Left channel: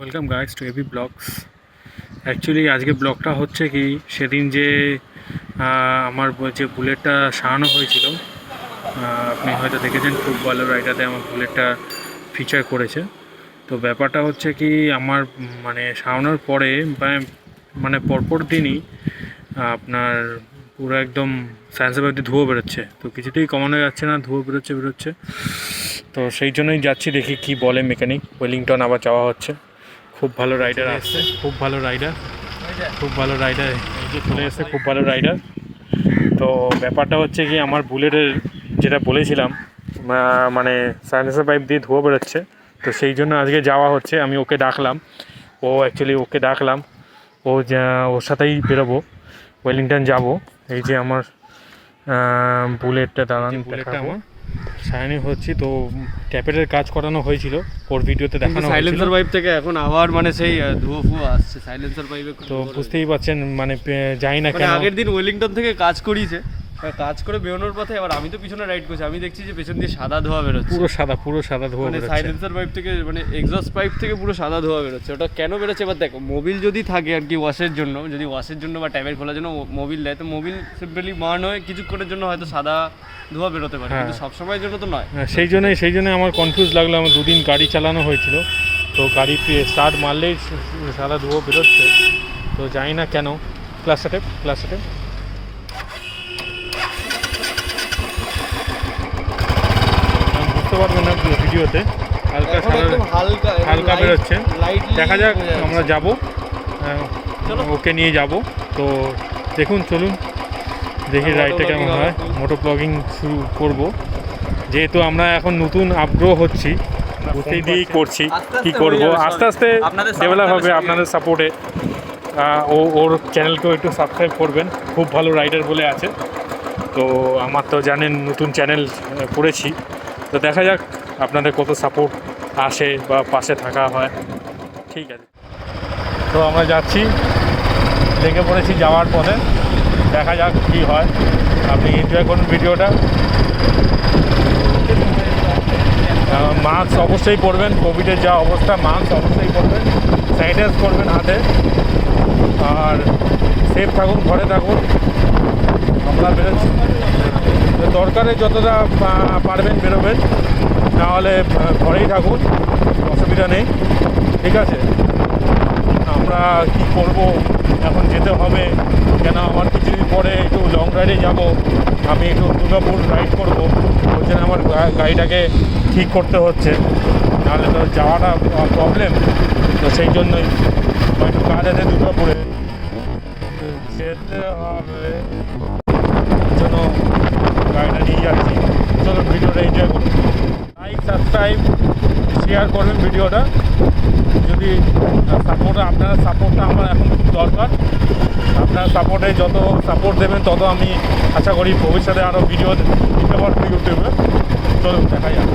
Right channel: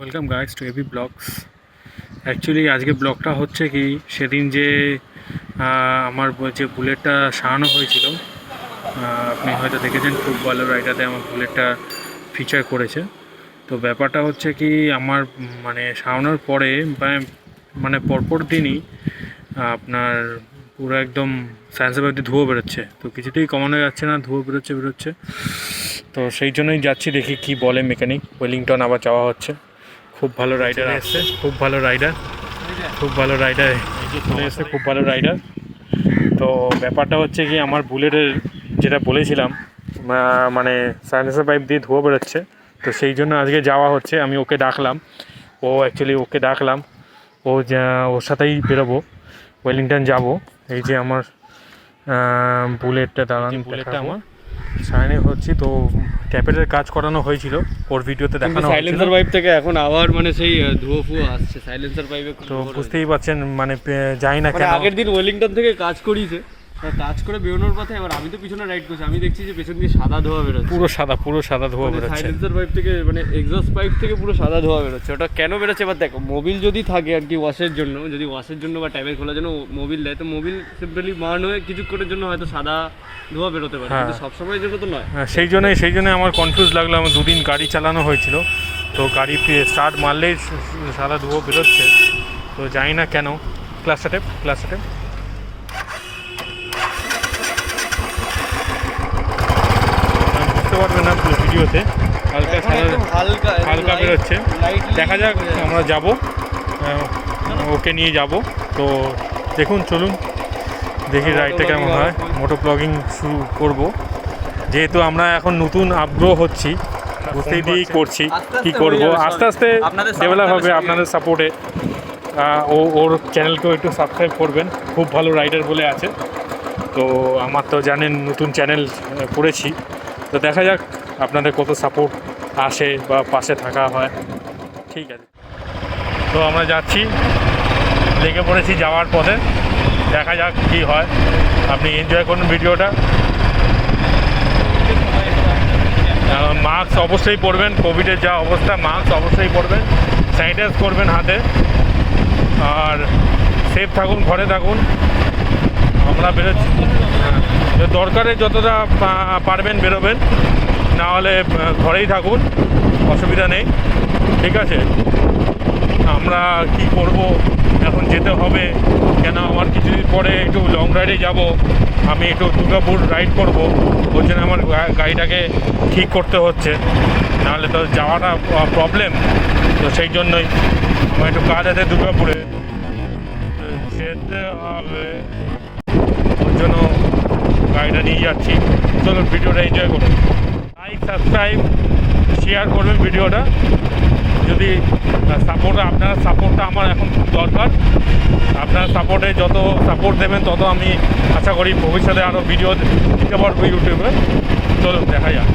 Welcome guys to AB blogs. Actually আজকে ব্লগটা হচ্ছে কি, সেদিন যে আমার যে বুলেটটা সারানো হয়েছিল, আপনি হয়তো দেখেছেন খুব ভালো রাইডারে আমার বুলেটটা ফিচার করেছে। তো ব্যাপারটা হচ্ছে কি, আমার মানে সারানোর পরে মানে পরপর দিনই আপনার পুরো একদম সায়েন্সের বাড়িতে ধুয়ো বেরোচ্ছে, তো কিছুতেই কমানো যাচ্ছে না, ধুয়ো বেরোচ্ছে। তো সেই জন্যই যাচ্ছি, দেখি কি বলে মেকানিক। ওয়েলিংটন আবার যাওয়া হচ্ছে। খুব ভালো রাইডার আসছে, খুব ভালো রাইডার এই যে চলে এসছে, খুব ভালো রাইডার। তো ব্যাপারটা হচ্ছে কি, আমার বুলেটের যেটা বলেছিলাম মানে সাইলেন্সার পাইপ দিয়ে ধুয়ো বেরোচ্ছে, তো সেই জন্য আজকে যাওয়া হচ্ছে। আমি ওকে ডাকলাম, ওকে ডাকলাম, ওর সাথেই বেরোবো, ওয়েলিংটন যাব। এই যে আমার বুলেটটা, বুলেটটা আমার সাইনে হচ্ছে। তো ট্যাপেটের কাজ করানো হয়েছিল, ওর ভিডিওতে দেখানো হয়েছিল। সাইলেন্সার পাইপ থেকে এখন আবার মানে সেই ধুয়ো ফুয়ো আসছে সাইলেন্সার পাইপে। তো বুঝতেই পারছেন, মানে জানি না কেন আগের দিন ওয়েলিংটন থেকে কাজ করিয়েছে, কাজ করে বেরোনোর পথে আবার আমি তো পিছনে রাইড করছি, আমি দেখছি যে পেছন দিয়ে সাদা ধোঁয়া বেরোচ্ছে, পুরো সাদা ধোঁয়া বেরোচ্ছে। সাইলেন্সার পাইপ থেকে মানে এক্সস্ট পাইপ থেকে পুরো সাদা ধোঁয়া বেরোচ্ছে। ওটা কেন বেরোচ্ছে এবার দেখো, মোবিল যদি থাকে আর কি ওয়াশের জন্য, যদি ওয়াশের জন্য বা ট্যাপের খোলার জন্য মোবিল দেয়, তো মোবিল সিম্পলি বার্ন হয়ে কিছুক্ষণের জন্য হয়তো সাদা ধোঁয়া বেরোতে পারে, কিন্তু সবসময়ের জন্য তো নয়। সেই জন্যই আমার কনফিউজ লাগলো। আমার দুদিন গাড়ি চালানো হয়েছিল, তো গাড়ি স্টার্ট মারলেই সাদা ধোঁয়া বেরোচ্ছে। তো জানি না কেন। ক্লাসটা টেপ বুঝতে পারবেন না ভিডিওতে, হালকা বেরোচ্ছে। দেখা যাক, আমরা যাব, ওকে নিয়ে যাব। তো দেখুন, চলুন দেখি রাইডটা কেমন হয়। মোটো ব্লগিং শুরু করব, যেহেতু আমরা এখন নতুন আগ্রহ হচ্ছি, বুঝতেই দিয়েই করছি কি করব। আস্তে আস্তে ডেভেলপ হবে আপনাদের সাপোর্টে। ওর চ্যানেলকেও একটু সাবস্ক্রাইব করবেন, খুব ভালো রাইডার বলে আছে। তো আমার তো জানেন, নতুন চ্যানেল করেছি, তো দেখা যাক আপনাদের কত সাপোর্ট আসে বা পাশে থাকা হয়। ঠিক আছে, তো আমরা যাচ্ছি, লেগে পড়েছি যাওয়ার পথে। দেখা যাক কী হয়, আপনি এনজয় করুন ভিডিওটা। মাস্ক অবশ্যই পরবেন, কোভিডের যা অবস্থা, মাস্ক অবশ্যই পরবেন, স্যানিটাইজ করবেন হাতে, আর সেফ থাকুন, ঘরে থাকুন। আমরা বেরোচ্ছি, দরকারে যতটা পারবেন বেরোবেন, নাহলে ঘরেই থাকুন, অসুবিধা নেই। ঠিক আছে, আমরা কি করব, এখন যেতে হবে। কেন, আমার কিছুদিন পরে একটু লং রাইডে যাব, আমি একটু দুর্গাপুর রাইড করব, ওই জন্য আমার গাড়িটাকে ঠিক করতে হচ্ছে, নাহলে তো যাওয়াটা প্রবলেম। তো সেই জন্যই আমার একটু কাজ আছে দুর্গাপুরে, যেতে হবে, ওই জন্য গাড়িটা নিয়ে যাচ্ছি। চলুন ভিডিওটা এনজয় করুন, লাইক সাবস্ক্রাইব শেয়ার করবেন ভিডিওটা। যদি আপনার সাপোর্টটা আমার এখন খুব দরকার। আপনার সাপোর্টে যত সাপোর্ট দেবেন, তত আমি আশা করি ভবিষ্যতে আরও ভিডিও দিতে পারবো ইউটিউবে। চলুন দেখা যাক।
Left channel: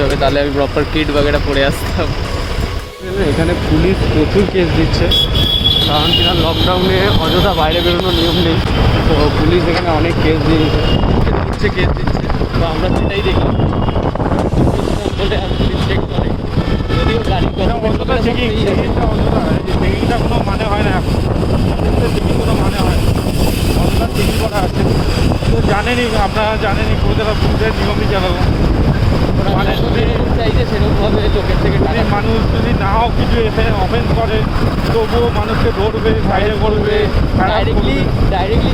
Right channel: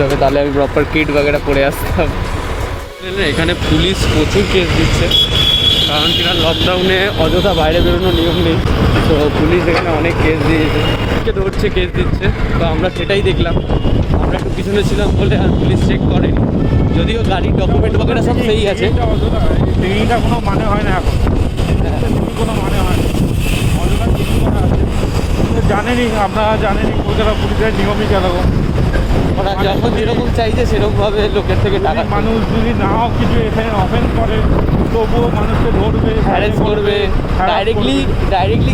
যেতে হবে, তাহলে আমি প্রপার কিট বাগেরা পরে আসতাম। এখানে পুলিশ প্রচুর কেস দিচ্ছে, কারণ কিনা লকডাউনে অযথা বাইরে বেরোনোর নিয়ম নেই, তো পুলিশ এখানে অনেক কেস দিয়েছে, ধরছে কেস দিচ্ছে। তো আমরা সেটাই দেখলাম, আমরা একটু পিছনে ছিলাম বলে আর পুলিশ চেক করে, যদিও গাড়ির ডকুমেন্ট সেই আছে। চেকিংটা কোনো মানে হয় না এখন, চেকিং কোনো মানে হয় না, অযথা চেকিং করা আছে। তো জানেনই, আপনারা জানেনই কলকাতা পুলিশের নিয়মই যেরকম, মানে যেরকম চাইছে সেরকমভাবে লোকের থেকে টাকা মানুষ যদি নাও কিছু এখানে অফেন্স করে তবুও মানুষকে ধরবে, হ্যারেস করবে, ডাইরেক্টলি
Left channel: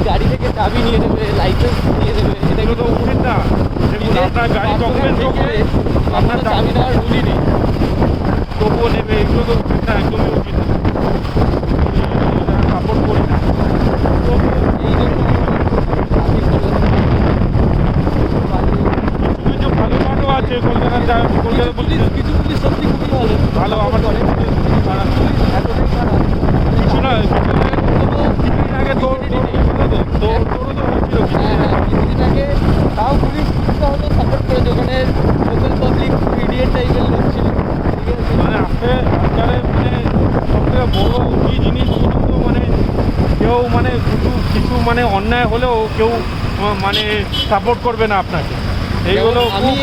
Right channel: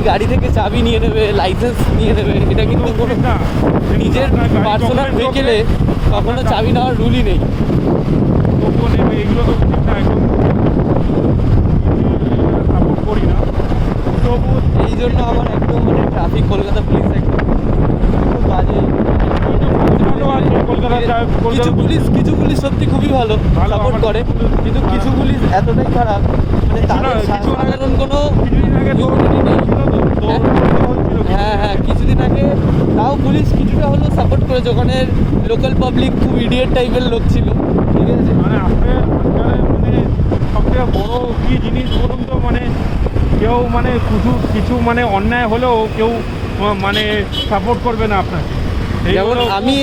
গাড়ি থেকে চাবি নিয়ে নেবে, লাইসেন্স নিয়ে নেবে। এটা কিন্তু উচিত না। নিজের আপনার গাড়ি পার্সোনাল ভেহিকেলে আপনার চাবি নেওয়ার রুলই নেই, তবুও নেবে, এগুলো তো উচিত না, একদমই উচিত না, সাপোর্ট করি না। তবু এই জন্য আমার ট্রাফিক কলকাতা কিছু ভালো ভালো আছে কিছু পুলিশ সত্যি খুবই ভালো ভালো আমার করে, কিন্তু কিছু পুলিশ এতটাই খারাপ যে কোনো কিছুদিন আগে হ্যাঁ কিছুদিন আগে তাও পুলিশ কিছুটা হলেও সাপোর্ট করেছে, ওখানে লোকাল পাবলিক খুব ইডিয়েট টাইপের লোক ছিল, ঠিক আছে। মানে আজকালের মানে সবথেকে বড় কি জিনিস বলুন তো, মানে কেউ মানে কিছু মানে অন্যায় হলেও কেউ মানে সাপোর্ট করবে না আপনাকে। এইগুলো আমি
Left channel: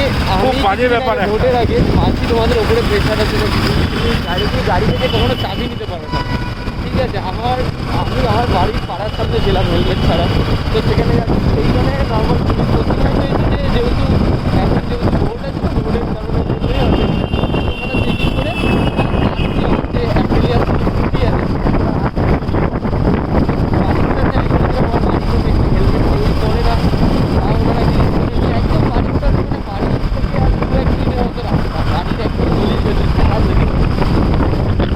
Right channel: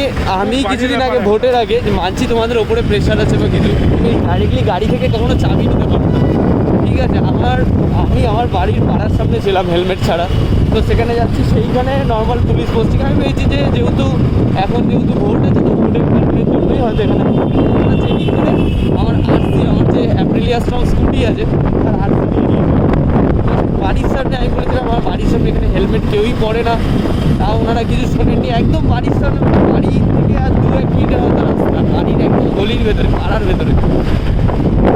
কিছুদিন আগে ভোটের আগে মানছি তোমাদের ওপরে প্রেশার আছে তো কিছু, গাড়ি থেকে কখনো চাবি নিতে পারবো, ঠিক আছে। আমি আমার বাড়ির পাড়ার সামনে ছিলাম হেলমেট ছাড়া, তো সেখানে যাচ্ছি, সেইখানে নর্মাল পুলিশ পোস্টিং আমি পেয়েছি যে যেহেতু ভোট আছে, ভোটের জন্যই হচ্ছে যে অ্যাপ্রিলিয়াস স্কুটি আছে বাড়ির সামনে, আমি বলেছিলাম আমার বাড়ির সামনে এখানে হেলমেট কেউই পরে না, ওনারা কিছু শোনেননি, একদম বাড়ির সামনে, বাড়ি থেকে আর 2-1 মিনিটের মতো বাড়ির একদম গলির ভেতরে, পাড়ার ভেতরে।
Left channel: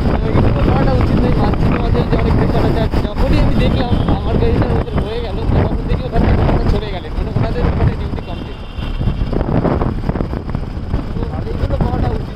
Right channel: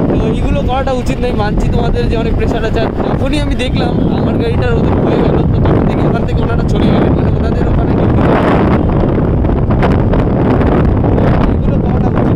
তো এইগুলো করাটা উচিত নয়, মানছি তোমাদের যে অনেক প্রেশার আছে। আর তখনই আমি দেখলাম আমার গাড়িটা ওদের হয়ে গেল, তখন দেখি ওখান থেকে ওনারা চলে গেলেন, মানে ওনাদের ওখানে এগুলো করাটা উচিত।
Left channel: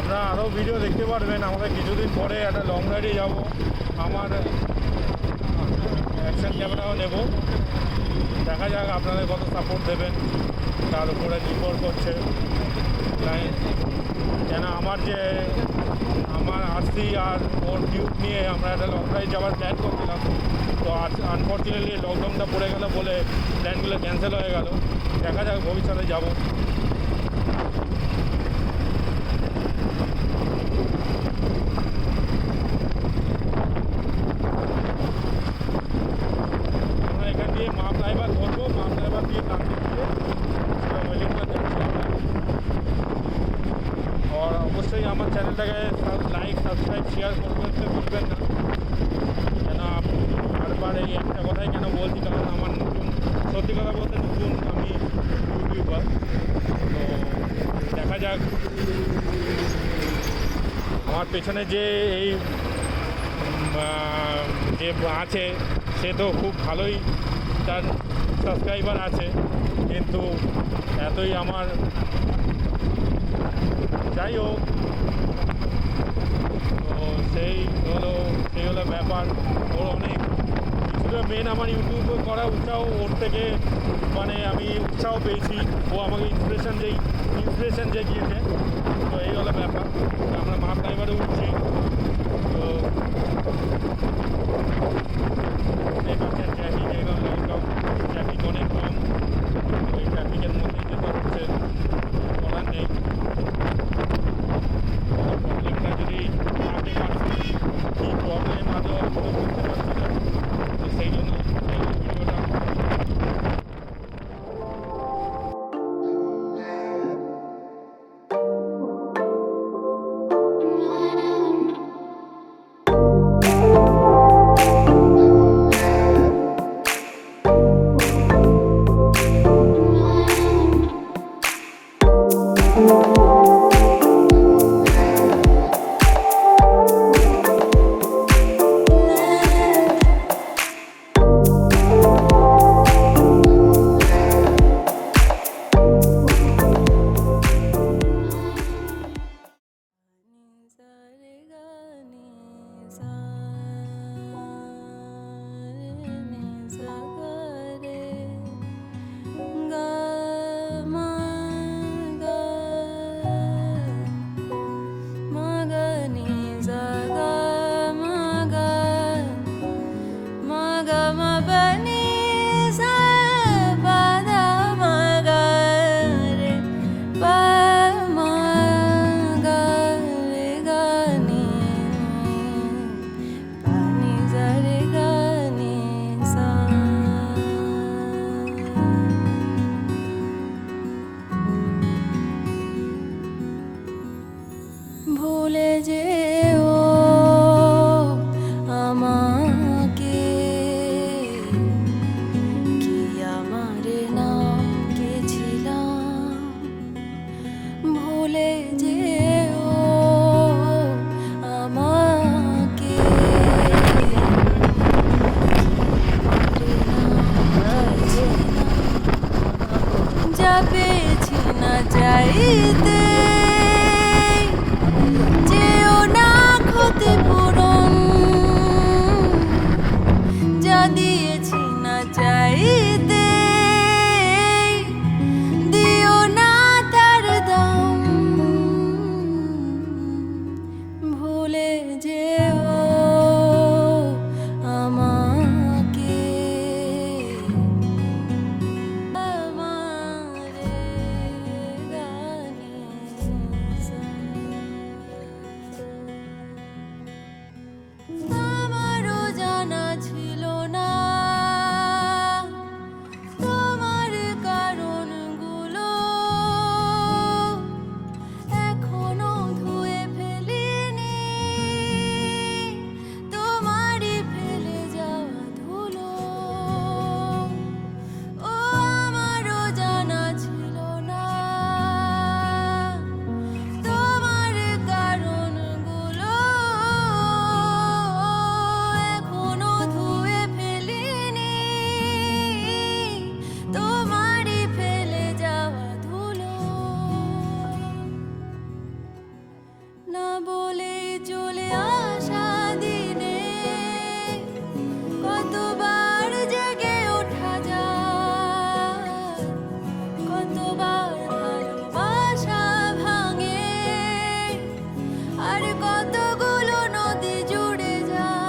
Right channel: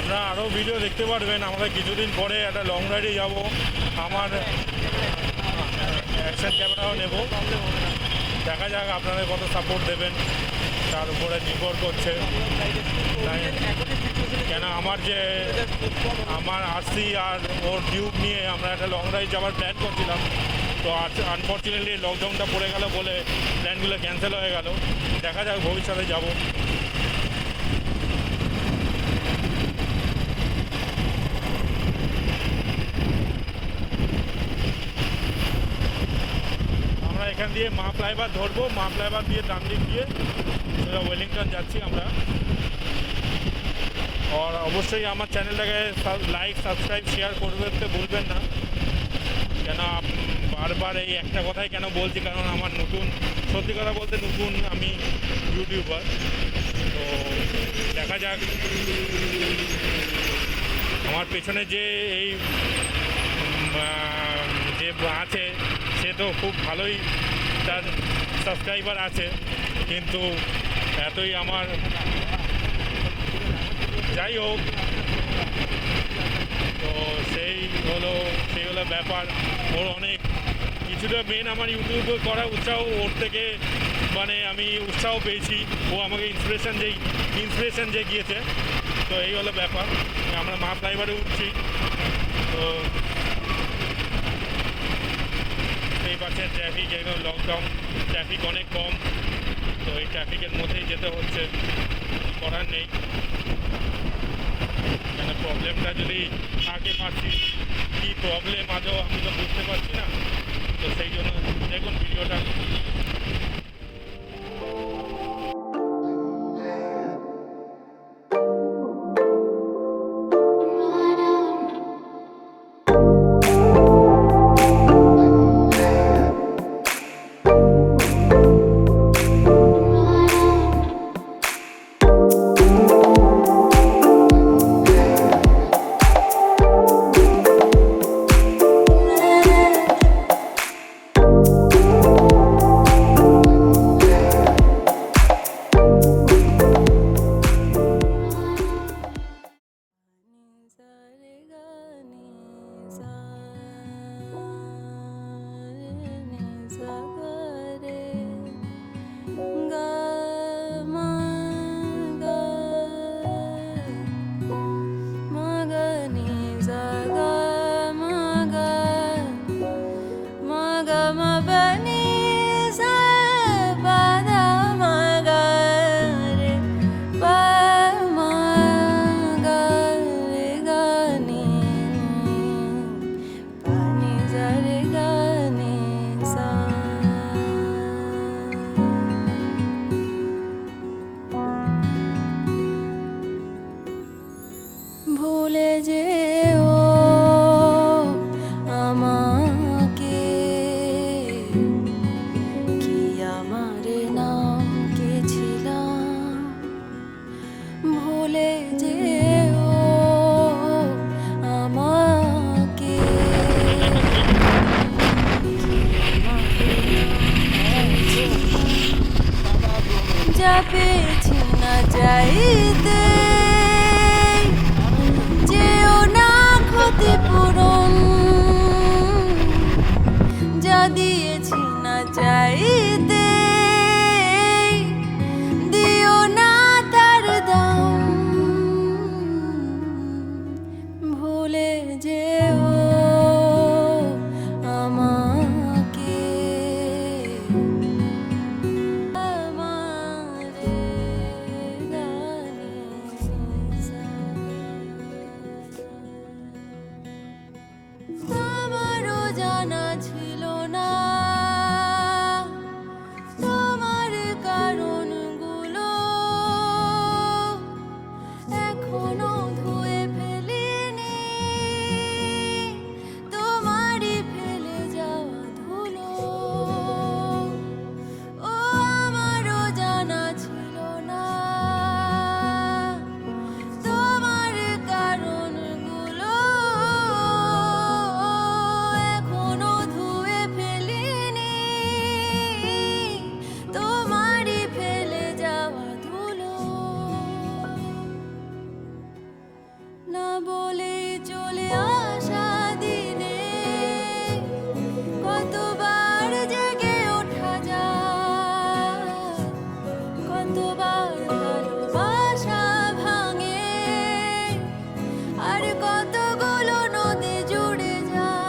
আপনারা আরও ভিডিও দেখতে পারবেন। আমাদের কিছুদিন পরে একটা লং রাইডে যাব, আমার অ্যাকশন ক্যামেরাও নেব, দেখা যাক আপনারা কত সাপোর্ট দেবেন তার উপরে নির্ভর করছে। তাই কেন আমার আরসি আর ওর ডিউক নিয়ে আমরা একটা লং রাইড যাওয়ার প্ল্যান করছিলাম, তো আনফর্চুনেটলি লকডাউনটা পড়ে গেল বলে প্ল্যানগুলো ক্যান্সেল হয়ে গেল। দেখা যাক ভবিষ্যতে যাব। আমরা এখান দিয়ে মা ফ্লাইওভার ধরবো, মা ফ্লাইওভার দিয়ে ডান দিক দিয়ে সোজা ওয়েলিংটন যাচ্ছি আমরা। আর অবশ্যই আমার চ্যানেলটাকে লাইক সাবস্ক্রাইব শেয়ার করতে ভুলবেন না, কেন বারবার এই একটা কথাই কেন বলছি, কারণ আমার সত্যি কথা বলতে নতুন আমি ইউটিউবার। তো দেখা যাক, আমার পেছনে যে আছে সে তো খুব ভালোই তার সাবস্ক্রাইবার আছে, কিন্তু এতই আমার, যাই হোক, তো সেই হলো ব্যাপার। ওর অনেক কিছুটা মেন আমার ইউটিউব করা উৎসাহ ওর থেকে, মানে আমি উৎসাহ পেয়েছি, ও আমাকে ইন্সপিরেশন যে গিয়েছে। তো এই হলো ব্যাপার, আমরা মা ফ্লাইওভারে উঠছি। তো বুঝতেই পারছেন ট্রাফিক একদম লকডাউন, ট্রাফিক অনেক কম, তো এই ট্রাফিকের মধ্যেই যেতে হচ্ছে, করার নেই। কেন প্রবলেমটা যদি থাকে পাচ্ছি, কী প্রবলেম আজও বুঝতে পারছি না, তো সেই জন্য দেখুন ভিডিওটা। ma pa ni sa pa da ma ga re pa ma ga re ga ni pa ni sa re ga ni sa ভুলে যেও আমাকে কি আমার নাম কে ছিলাম ভুলে যেও আমাকে যা পেয়েছি না চাইতে যেও না ক্ষতিপূরণ যা দিয়েছি না চাইতে দিও না তার দাম ভুলে যেও আমাকে আমারে গানে আমারও জানা ছিল না তোমার কারণগুলো এখনো ধুয়ে ফেলিনি তোমারই ফেলে যাওয়া ধুলো ও আমারও জানা ছিল না তোমার কারণগুলো এখনো ধুয়ে ফেলিনি তোমারই ফেলে যাওয়া ধুলো না বলে চলে আসা দিনে কতবার জেগে ওঠা যায় কতবার ভালোবাসা ভাঙে আর কতগুলো নদী জুড়ে যায়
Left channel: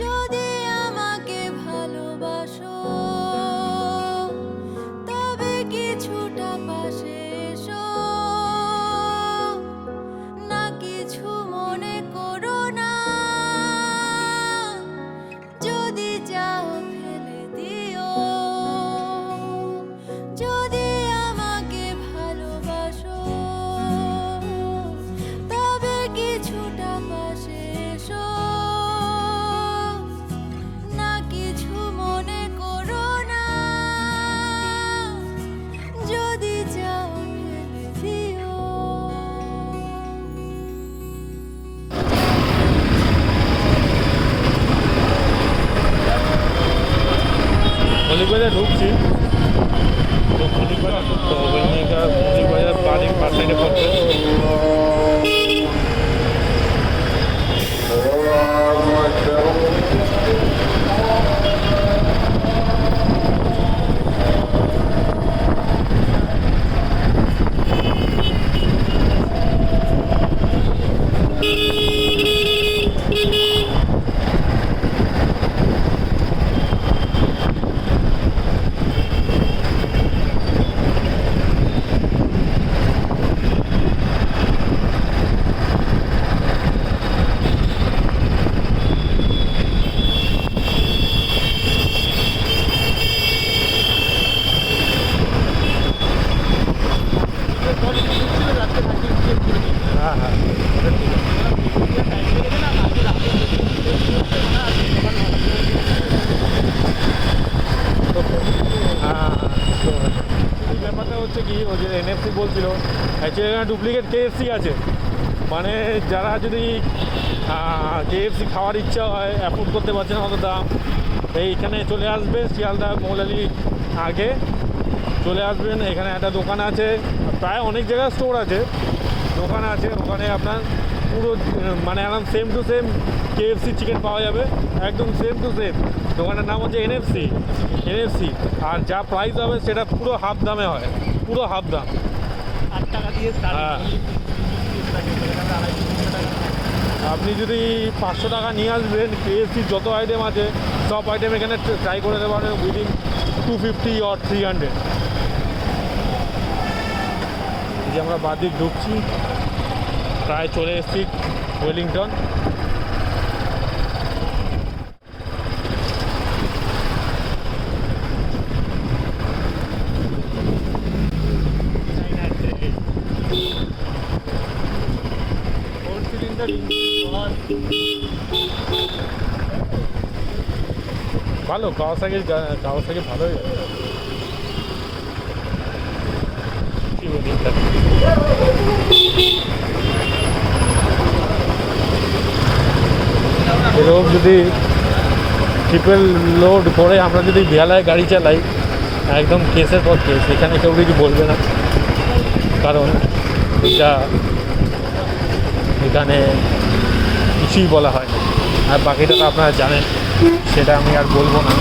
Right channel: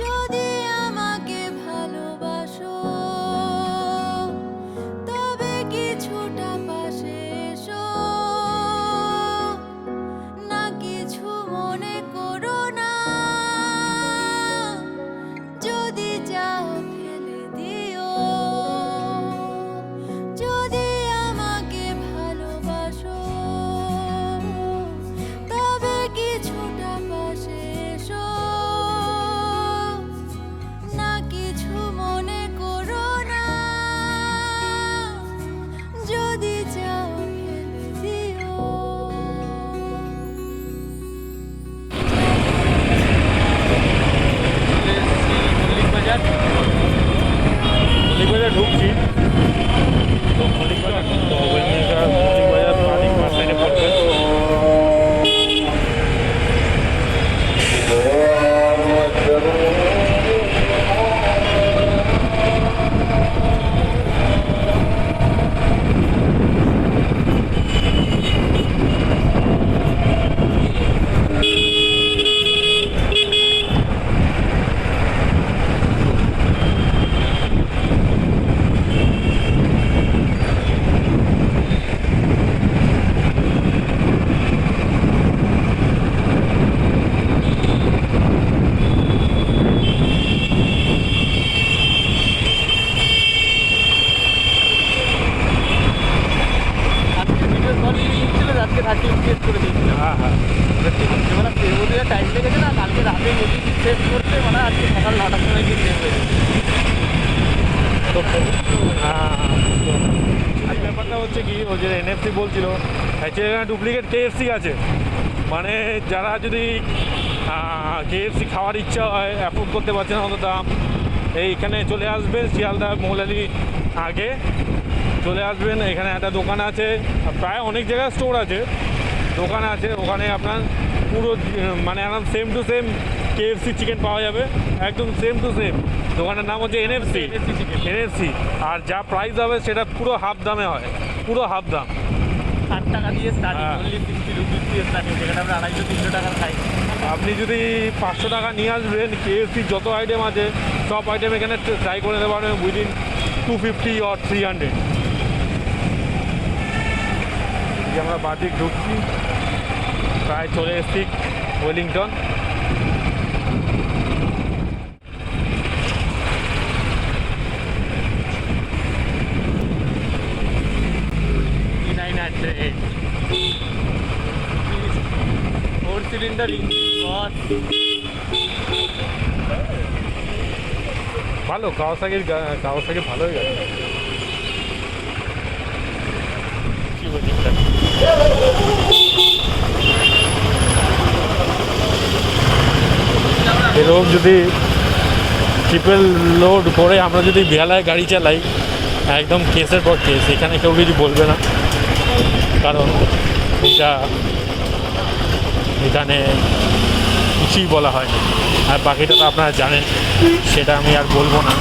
যদি আমাকে ভালোবাসো তবে কিছুটা পাশে এসো না কিছু মনে করো না যদি চাও ফেলে দিও যদি আমাকে ভালোবাসো তবে কিছুটা পাশে এসো না কিছু মনে করো না যদি চাও ফেলে দিও মল্লিক বাজার ঢুকছি তো মল্লিক বাজার তো মল্লিক বাজার বাড়ির পাশে পড়ছে হ্যাঁ হ্যাঁ টাইম লেগেছে না কালকে রাতে শেষ করতে মানে আজকে সকাল 9টার সময় এই ব্যাপারটা হচ্ছে কি ও যে এনএফসি বলছিল অ্যাকচুয়ালি এখানে ডুপ্লিকেট কেএফসি আছে মানে যারা যদি কেএফসি খাওয়ার ইচ্ছা হয় অ্যাফোর্ড করতে পারছে না অত দাম এইখানে চলে আসবে শিয়ালদা মৌলালি আগে চলে আসবেন। এখানে একটা দোকান আছে, প্রায় অনেক জায়গায় স্টোর আছে, দোকান আছে, ওখানে আপনার পুরো মানে একদম same to same KFC chicken পাওয়া যাবে, একদম সেম টু সেম। দোকানের নাম হচ্ছে এনএফসি। আর যা প্রাইস হবে সেটা পুরো হাফ দামে হয়, পুরো হাফ দাম। 60 টাকা দিয়ে হ্যাঁ। স্টার্টিং, আপনি যদি 500 টাকা নিয়ে আসবেন, KFC যত আইটেম আছে সব আইটেম এখানে ট্রাই করে নিতে পারবেন উইদিন 250 or 300। যে আমরা বাদিক ঢুকছি, প্রায় চলে এসেছি ওয়েলিংটন। সিলিন্ডার ভালো, কাওয়াসাকি ভালোই গেছে। কি বলি, এরকম যদি ট্রিপল লোড করে আমরা যদি বেহালায় গাড়ি চালাই, একদম কেসের পর কেস, এখানে কেউ কিছু বলবে না, কারণ এখানে কিছুই বলা হয় না। আর বাকিটা তো আপনারা জানেন, সেটা আমি আর বলবো না।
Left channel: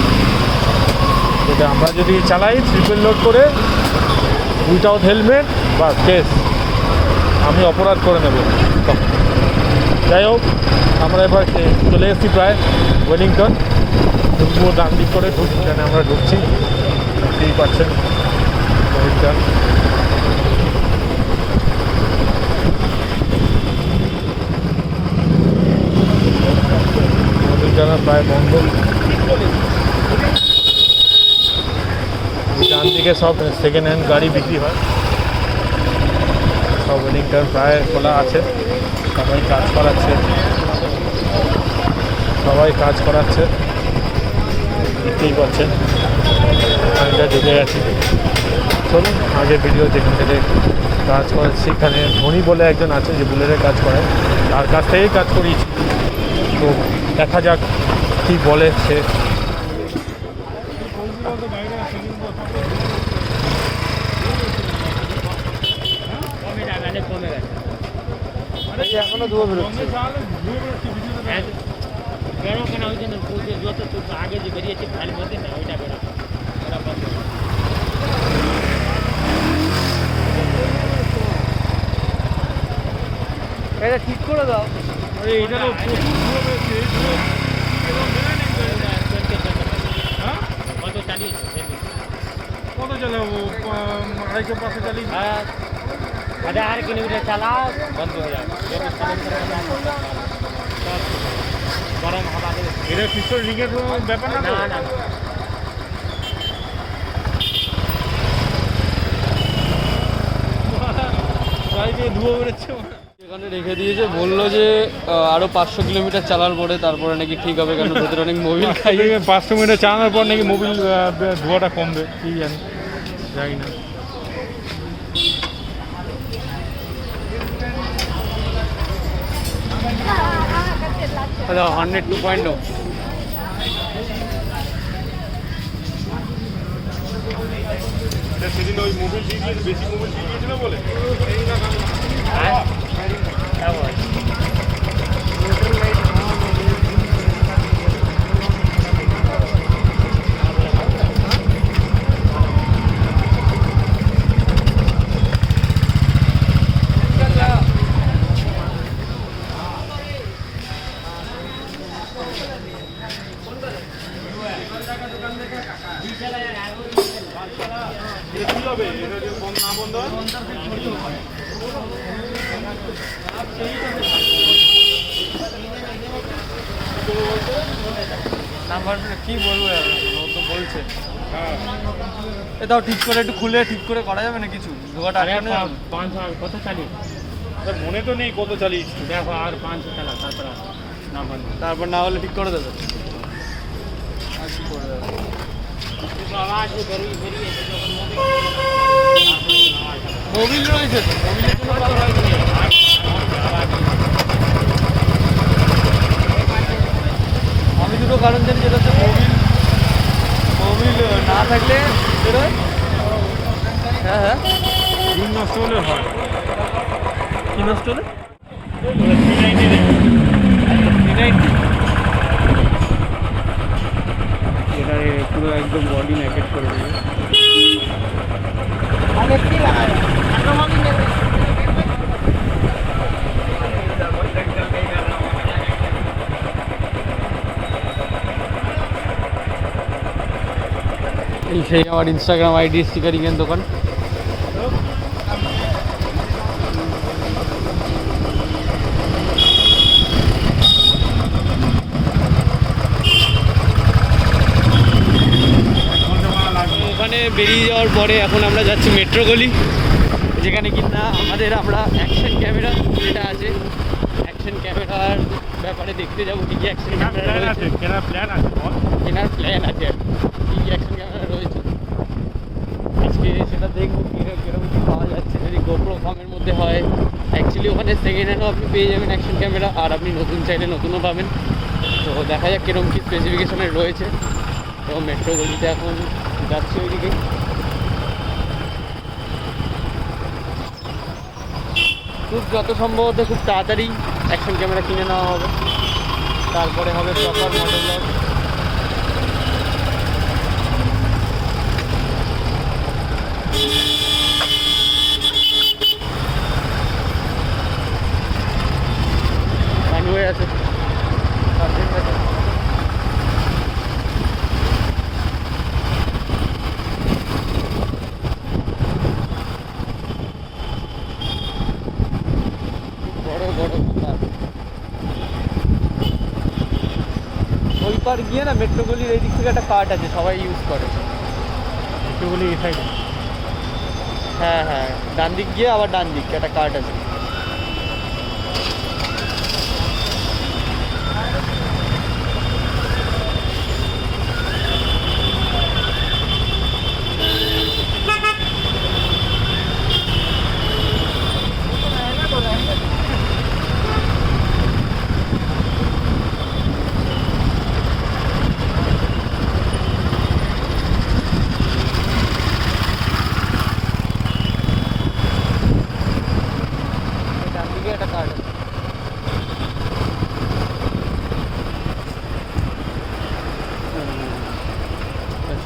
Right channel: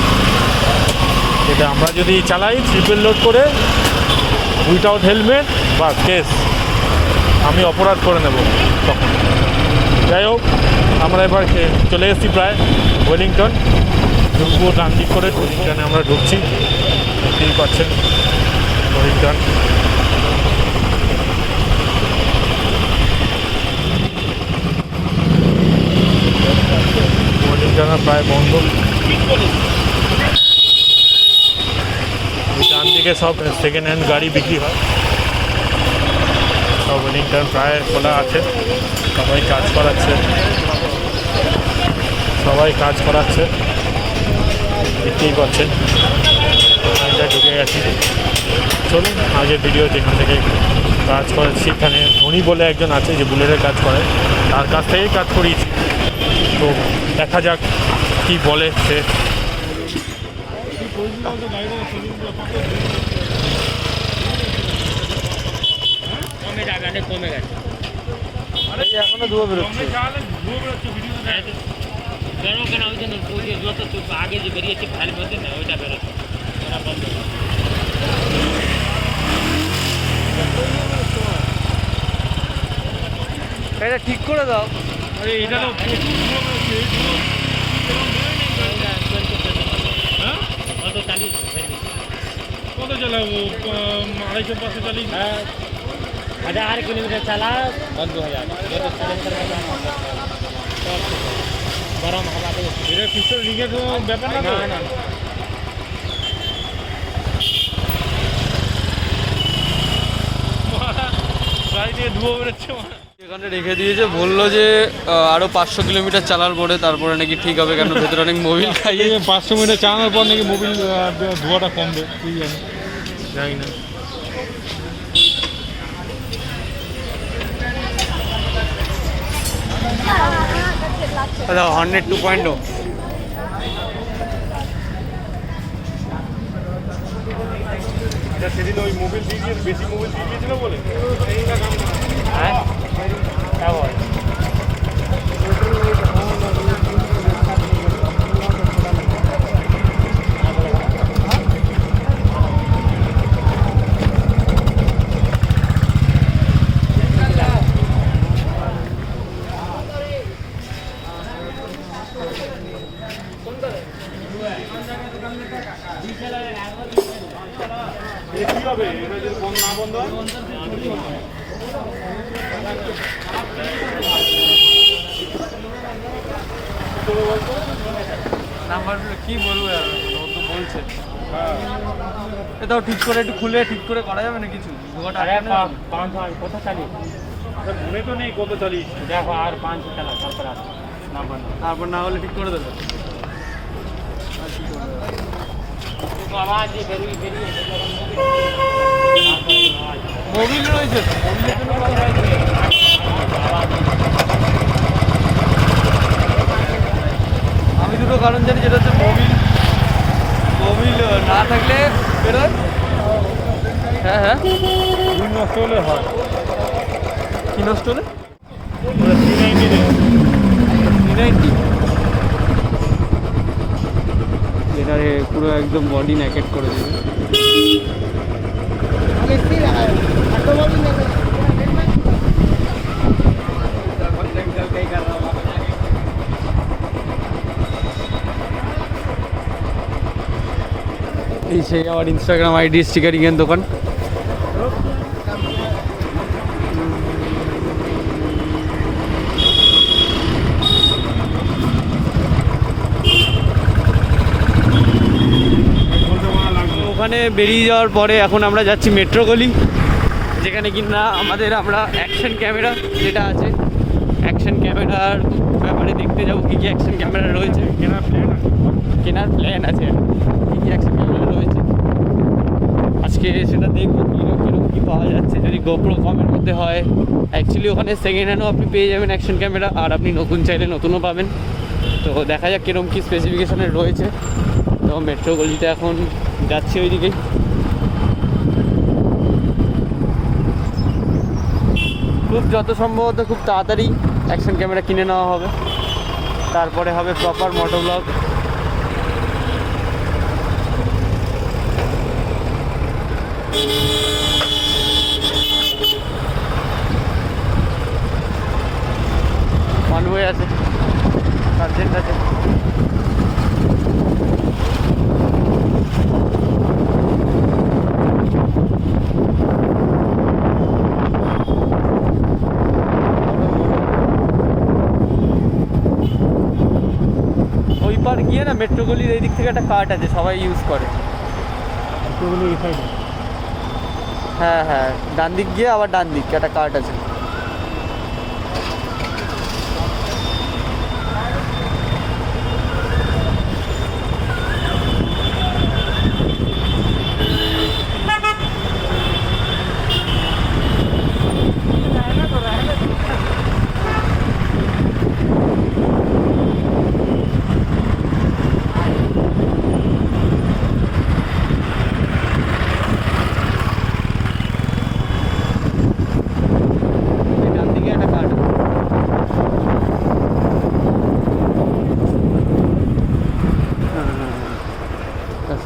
এটা আমরা যদি চালাই ট্রিপল লোড করে উইথাউট হেলমেট বা কেস, আমি অপরাধ করে নেব তখন। যাই হোক, আমরা এবার চলে এসেছি প্রায় ওয়েলিংটন। ঢুকবো ডান দিক করে, ওয়েলিংটনে আমরা ঢুকছি, দেখতেই পাচ্ছেন ওয়েলিংটন। ওয়েলিংটন প্রায় বন্ধ। ডান দিকে সব সেকেন্ড হ্যান্ড গাড়ি বিক্রি হয়, সব ওয়েলিংটন প্রায় খোলা আছে। সবাই কাজ করাচ্ছে, দেখতেই পাচ্ছেন। আমি যা ঢুকে গেছি, চলুন আগে ভিডিও যেখান থেকে কাজ করেছি, এখানে ধোনি বলে একজন আছে যে বুলেটের কাজ করে, তার কাছ থেকেই কাজ করিয়েছি। তো দেখা যাক কি বলে সে। এখনো ধুয়ো বেরোচ্ছে। কেন ওই জন্য যত আগে যে বেরিয়েছে ভালো মধ্যে না ওইটা বেরোচ্ছে। এটা ঠিক করে দাও। এটা তো কত চালিয়েছে কত চালাবো, 250-500 চালিয়ে। 1000 किलोमीटर चला बंद हो जाएगा। गरम हवा दे এটা পিছনে লিখে কোনো ব্যাপার না তো। ना গাড়ি থেকে ধুয়ো বেরোচ্ছে। এখানে রেখে দিয়েছে, বললো যে আরও 500 কিলোমিটার চালার পরে তারপরে নাকি ঠিক হবে, কেন ভেতরে অনেক মোবিল খাইয়ে 500 মিনিট চালানোর পর নাকি মোবিল ধোঁয়াটা কমবে, কি জানি, জানি না। আচ্ছা, হর্নেট 2.0 সেদিন ওই মোবিল দিয়ে বেশি মোবিল দিয়ে দিয়েছিল বলে क्या हुआ কি হবে এটা যদি ফোন না বন্ধ হয়? নাম্বার কি বলবো আর, ও তো বলছে। এটাও ঠিক করে একটু খুলে ঠিক করে করা যাবে না কিছু, ধোয়াটা আটকানো যাবে? 500 কত চালিয়ে মনে তো নেই কত চালিয়েছি। দেখো আর 500 চালা তারপর আর না বন্ধ তারপর না হলে ঠিক করে দেবে। आवाज बेरिए बेरिए মোবিল রয়েছে তো, মোবিলের জন্য কল হয়নি। আমি দুটো কারণ জানি, যেটা হচ্ছে মোবিল না থাকলে বেরোয়, হ্যাঁ হ্যাঁ, স্ক্রিন নষ্ট হলে হয়। কি নষ্ট হলে? 390 দেখুন। 390, এটারে পুরো একদম বডি নেকেট করে দেবে। এই সেই আমার ইনস্টাগ্রাম আইডি স্টিকারিংয়ের দোকান। ওখানে বেরিয়ে যাওয়ার পরে এখন আমরা যাচ্ছি মেট্রো গলি, যেখানে কিনা আমরা অ্যাকশন ক্যামেরা যেটা আছে, অ্যাকশন ক্যামেরার ব্যাপারে দেখতে যাবো কী কী অ্যাকশন ক্যামেরা রয়েছে। কেনার প্ল্যান আছে, কেনার প্ল্যান আছে, কী কী অ্যাকশন ক্যামেরা রয়েছে আজকে সেটা দেখবো কীরকম কী পাওয়া যাচ্ছে। যদি গোপ্রো কমের মধ্যে হয়, অ্যাকচুয়ালি ওখানে সেকেন্ড হ্যান্ডও আপনি পেয়ে যাবেন অ্যাকশন ক্যামেরা, আর আপনি নতুন চাইলে নতুনও পাবেন। তো দেখা যাক কীরকম কী স্পেসিফিকেশনের রয়েছে। তো মেট্রো গলিতে এখন যাচ্ছি ওইদিকেই। খুব যত সম্ভবত খুব তাড়াতাড়ি অ্যাকশন ক্যামেরা কিনে নেওয়া হবে, তারপরে হবে প্রপার মোটো ব্লগ। কনভয় আছে, সার্জেন্ট আছে। ওই পার গিয়ে না মেট্রো গলির এই দিক থেকে একটা কার্ট আছে, সবাই ইউজ করে। সেগুলি এই সাইডে। হ্যাঁ হ্যাঁ, ডান দিক গিয়ে আবার ডান দিক একটা কার্ট আছে।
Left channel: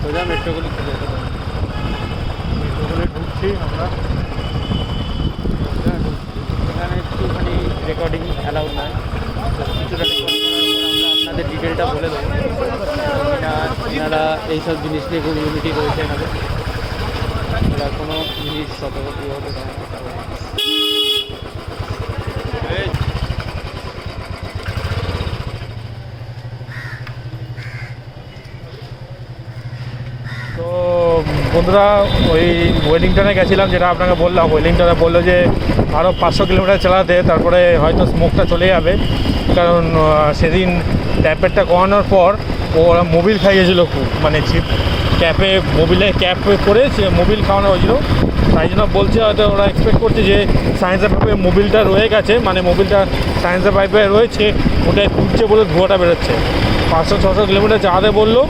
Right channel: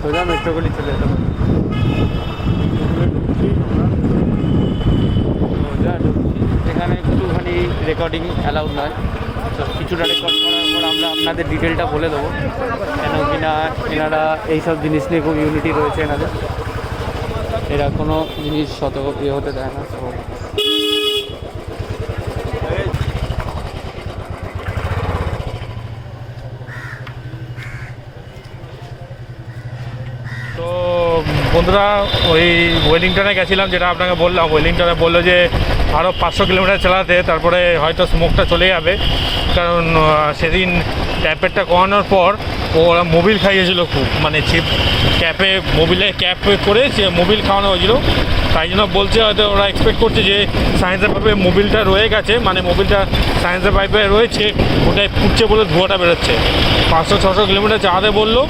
সোজা মেট্রো গলি চলে যেতে পারে। ওখানে ঢুকছি আমরা। এখানে একটুখানি রেকর্ডিং অ্যালাউড নয়, তো কিছুটা রেকর্ড করার পর আমরা আপনাদের ডিটেলটা বলে দেবো। কেন কিনা এনারা এইসব জিনিস নিয়ে খুব ইউনিটি রয়েছে এনাদের, এরা কোনো জিনিস শত ইয়ে হতে দেয় না। তো বন্ধুরা, ওই ওয়েলিংটনে গেছিলাম, যেটা আপনাকে বললাম। ওয়েলিংটনে বললো যে আরও 500 কিলোমিটার চালাতে, তারপরে হয়তো স্মোকটা চলে যাবে। কারণ সেদিন ট্যাপেরটা করানোর পর ওরা মোবিল খাইয়েছিল খুব, মানে চিপ ক্যাপে, মোবিলে ক্যাপ করে মোবিল খাওয়ানো হয়েছিল। তাই জন্য বলছে, হয়তো ওরা এক্সপেক্ট করছে যে সায়েন্সের পাইপে মোবিলটা রয়ে গেছে, মানে মোবিলটা সায়েন্সের পাইপে রয়েছে, ওটাই ফুটছে বলে ধোঁয়াটা বেরোচ্ছে। 500-600 কিলোমিটার চালাতে বললো,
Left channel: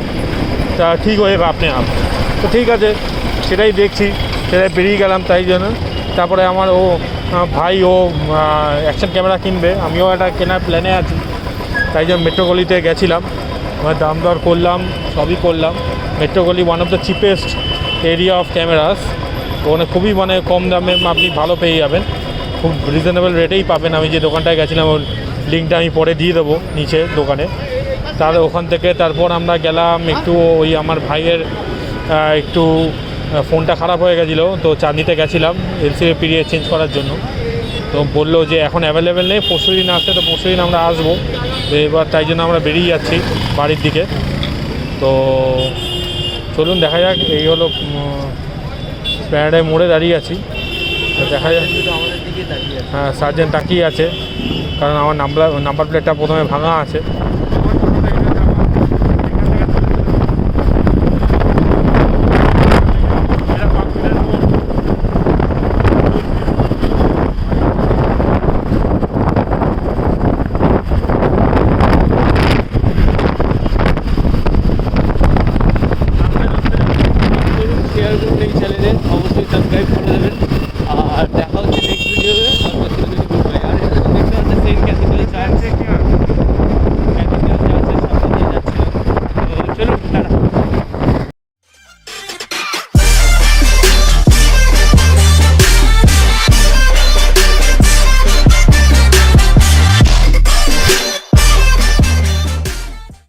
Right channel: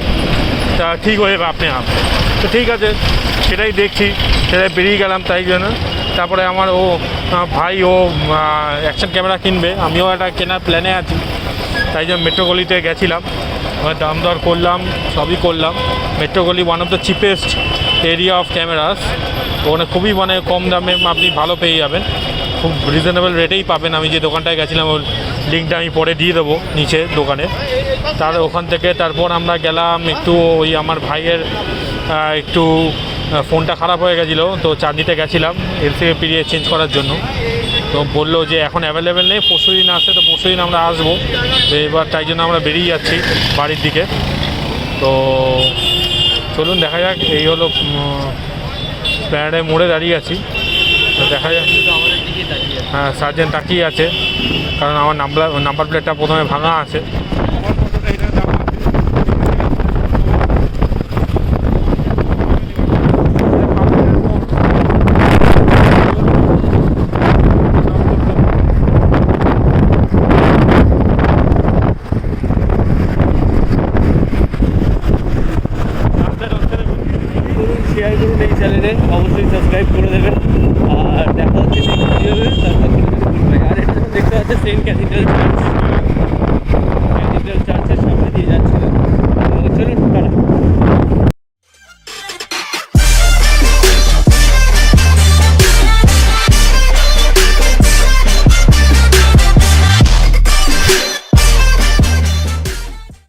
তা ঠিক হয়ে যাবে আপনি আপ। তো ঠিক আছে, সেটাই দেখছি, সেটাই বেরিয়ে গেলাম। তাই জন্য তারপরে আমার ভাই অ্যাকশন ক্যামেরা কিনবে, আমিও একটা কেনার প্ল্যানে আছি। তাই জন্য মেট্রো গলিতে গেছিলাম, দাম দর করলাম, সবই করলাম। মেট্রো গলি one of the cheapest area of cameras. ওখানে খুবই মানে কম দামে আপনি ভালো পেয়ে যাবেন, খুব রিজনেবল রেটেই পাবেন। আমি যে দোকানটায় গেছিলাম ওর লিঙ্কটা আমি পরে দিয়ে দেবো নিচে দোকানে। ওখান থেকে তারপর আমরা গেলাম একটু, ওই আমার ভাইয়ের একটু ফোনটা খারাপ হয়ে গেছিলো, তো চাঁদনিতে গেছিলাম এলসিডি পিরিয়ড চেঞ্জ করার জন্য। তো বললো যে এখন অ্যাভেলেবেল নেই, পরশু দিন আসতে, তো পরশু দিন আমরা আসবো। তো এবার তাই জন্য আমরা বেরিয়ে যাচ্ছি বাড়ির দিকে। তো চলুন দেখা যাক। এই হলো প্যারাডাইম মোড়ে দাঁড়িয়ে আছি, তো দেখা যাক। হ্যাঁ, সার্জেন্ট তাকিয়ে আছে, কারণ আমার নাম্বার প্লেটটা প্রথমে ভাঙা আছে। শেয়ার করুন এই চ্যানেলে, অবশ্যই সাবস্ক্রাইব করে দেবেন। আর দেখা হচ্ছে নেক্সট ভিডিওতে, তারপর থেকে যদি গুড বাই। আর এটা দেখতে পাচ্ছে সেন্ট ক্যাথিড্রাল চার্চ, ক্যাথিড্রাল চার্চের সামনে দিয়ে যাচ্ছিলাম। তো চলুন, টাটা।